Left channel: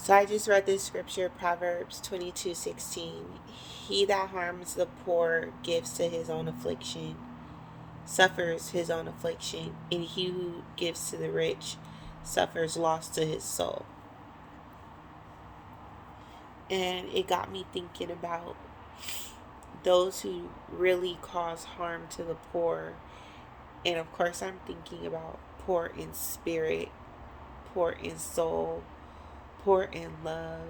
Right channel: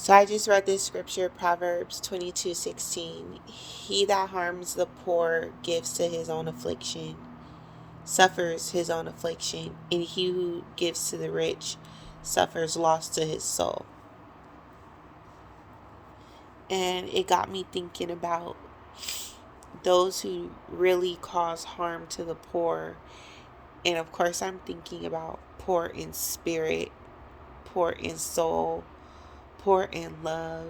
So I just read this scripture, Proverbs 22:16. He that harms the poor gives to his own affliction, suffers his own affliction, and he who gives to the rich suffers loss to his soul. And it got me thinking about those who really cause harm to the poor. And of course, I'm thinking about poor in spirit, poor in soul, poor in love.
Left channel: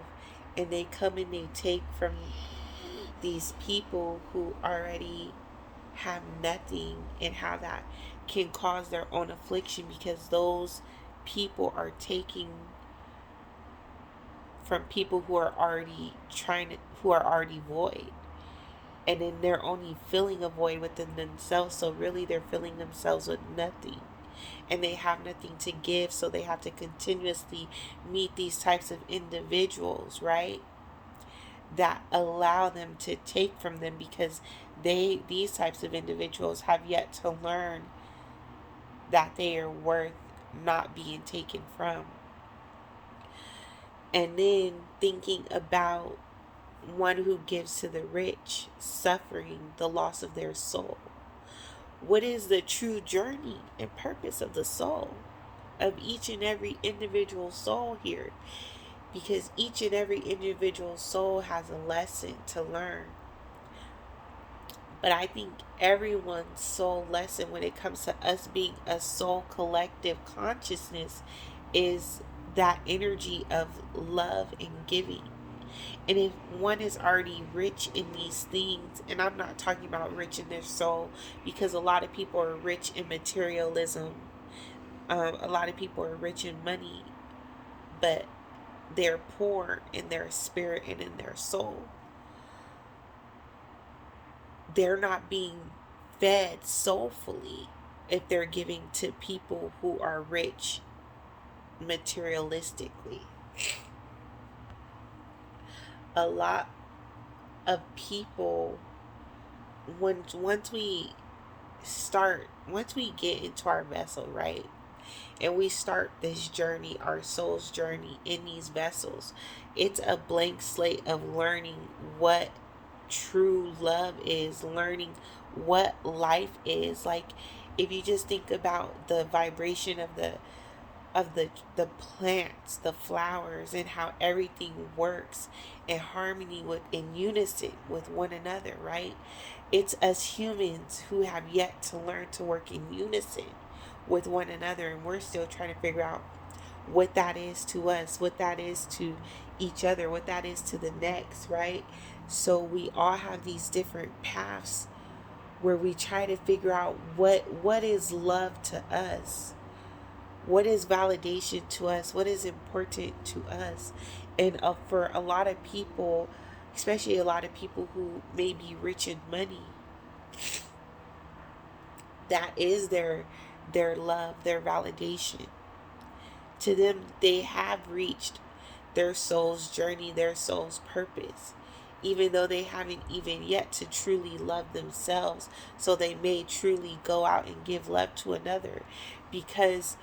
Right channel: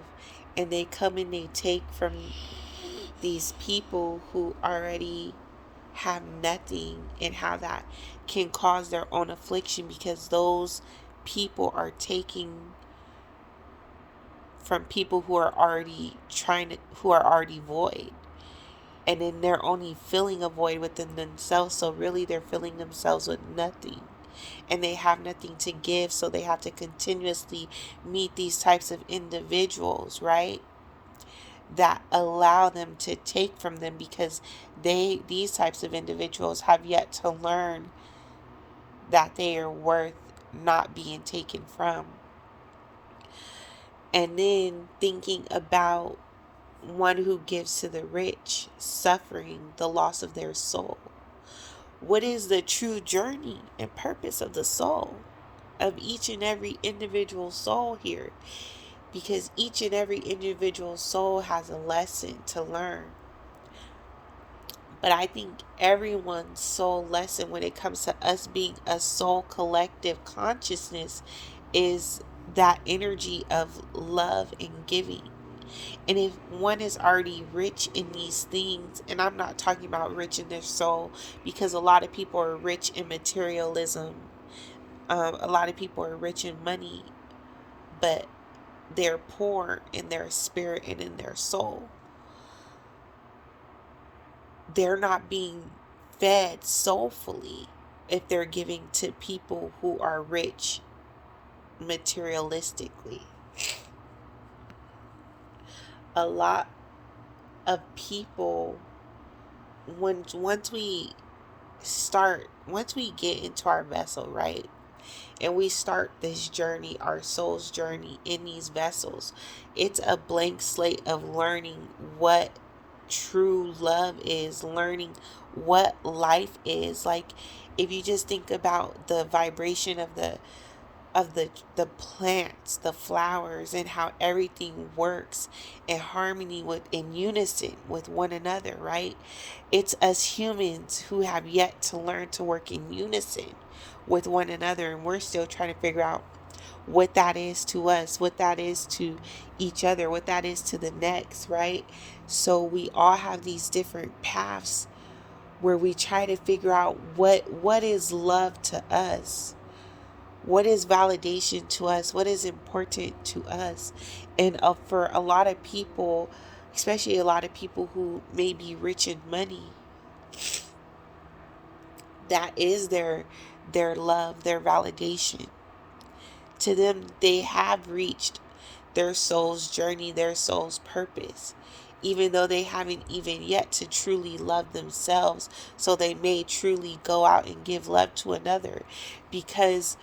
And they come and they take from these people who already have nothing, and how that can cause their own affliction because those people are taking from people who are already who are already void, and then they're only filling a void within themselves, so really they're filling themselves with nothing, and they have nothing to give, so they have to continuously meet these types of individuals, right, that allow them to take from them because these types of individuals have yet to learn that they are worth not being taken from. And then thinking about one who gives to the rich, suffering the loss of their soul. What is the true journey and purpose of the soul, of each and every individual soul here? Because each and every individual soul has a lesson to learn. But I think everyone's soul lesson when it comes to us being a soul collective consciousness is that energy of love and giving. And if one is already rich in these things, and I'm not talking about rich in their soul, because a lot of people are rich in materialism, a lot of people are rich in money, but they're poor in their spirit and in their soul. They're not being fed soulfully if they're giving to people who are rich materialistically. A lot of people, once we get into our vessel, right, and we start this journey, our soul's journey in these vessels, it's a blank slate of learning what true love is, learning what life is. Like, if you just think about the vibration of the plants, the flowers, and how everything works in harmony with in unison with one another, right? It's us humans who have yet to learn to work in unison with one another, and we're still trying to figure out what that is to us, what that is to each other, what that is to the next, right? So we all have these different paths where we try to figure out what is love to us, what is validation to us, what is important to us. And for a lot of people, especially a lot of people who may be rich in money, that is their love, their validation. To them, they have reached their soul's journey, their soul's purpose, even though they haven't even yet to truly love themselves. So they may truly go out and give love to another, because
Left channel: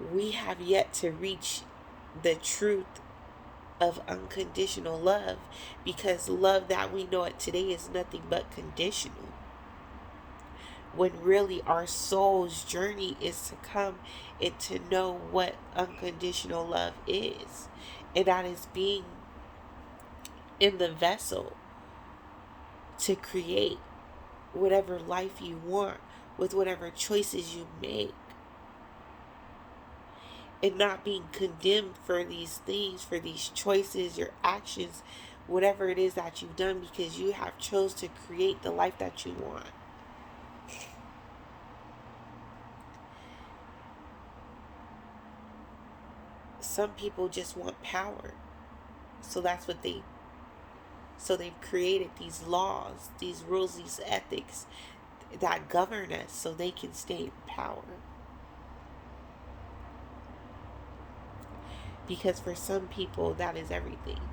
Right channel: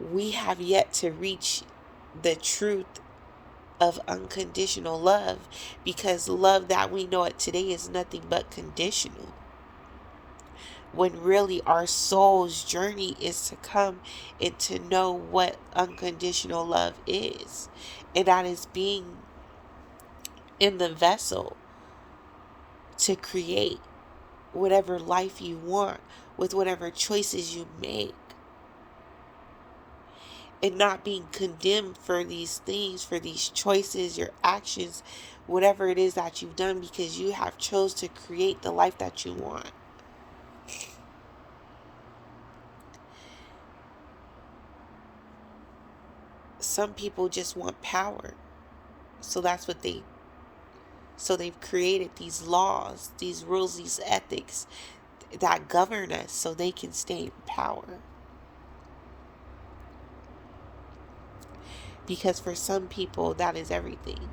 we have yet to reach the truth of unconditional love, because love that we know it today is nothing but conditional, when really our soul's journey is to come and to know what unconditional love is, and that is being in the vessel to create whatever life you want with whatever choices you make, and not being condemned for these things, for these choices, your actions, whatever it is that you've done, because you have chose to create the life that you want. Some people just want power, so that's what they've created these laws, these rules, these ethics that govern us so they can stay in power. Because for some people, that is everything.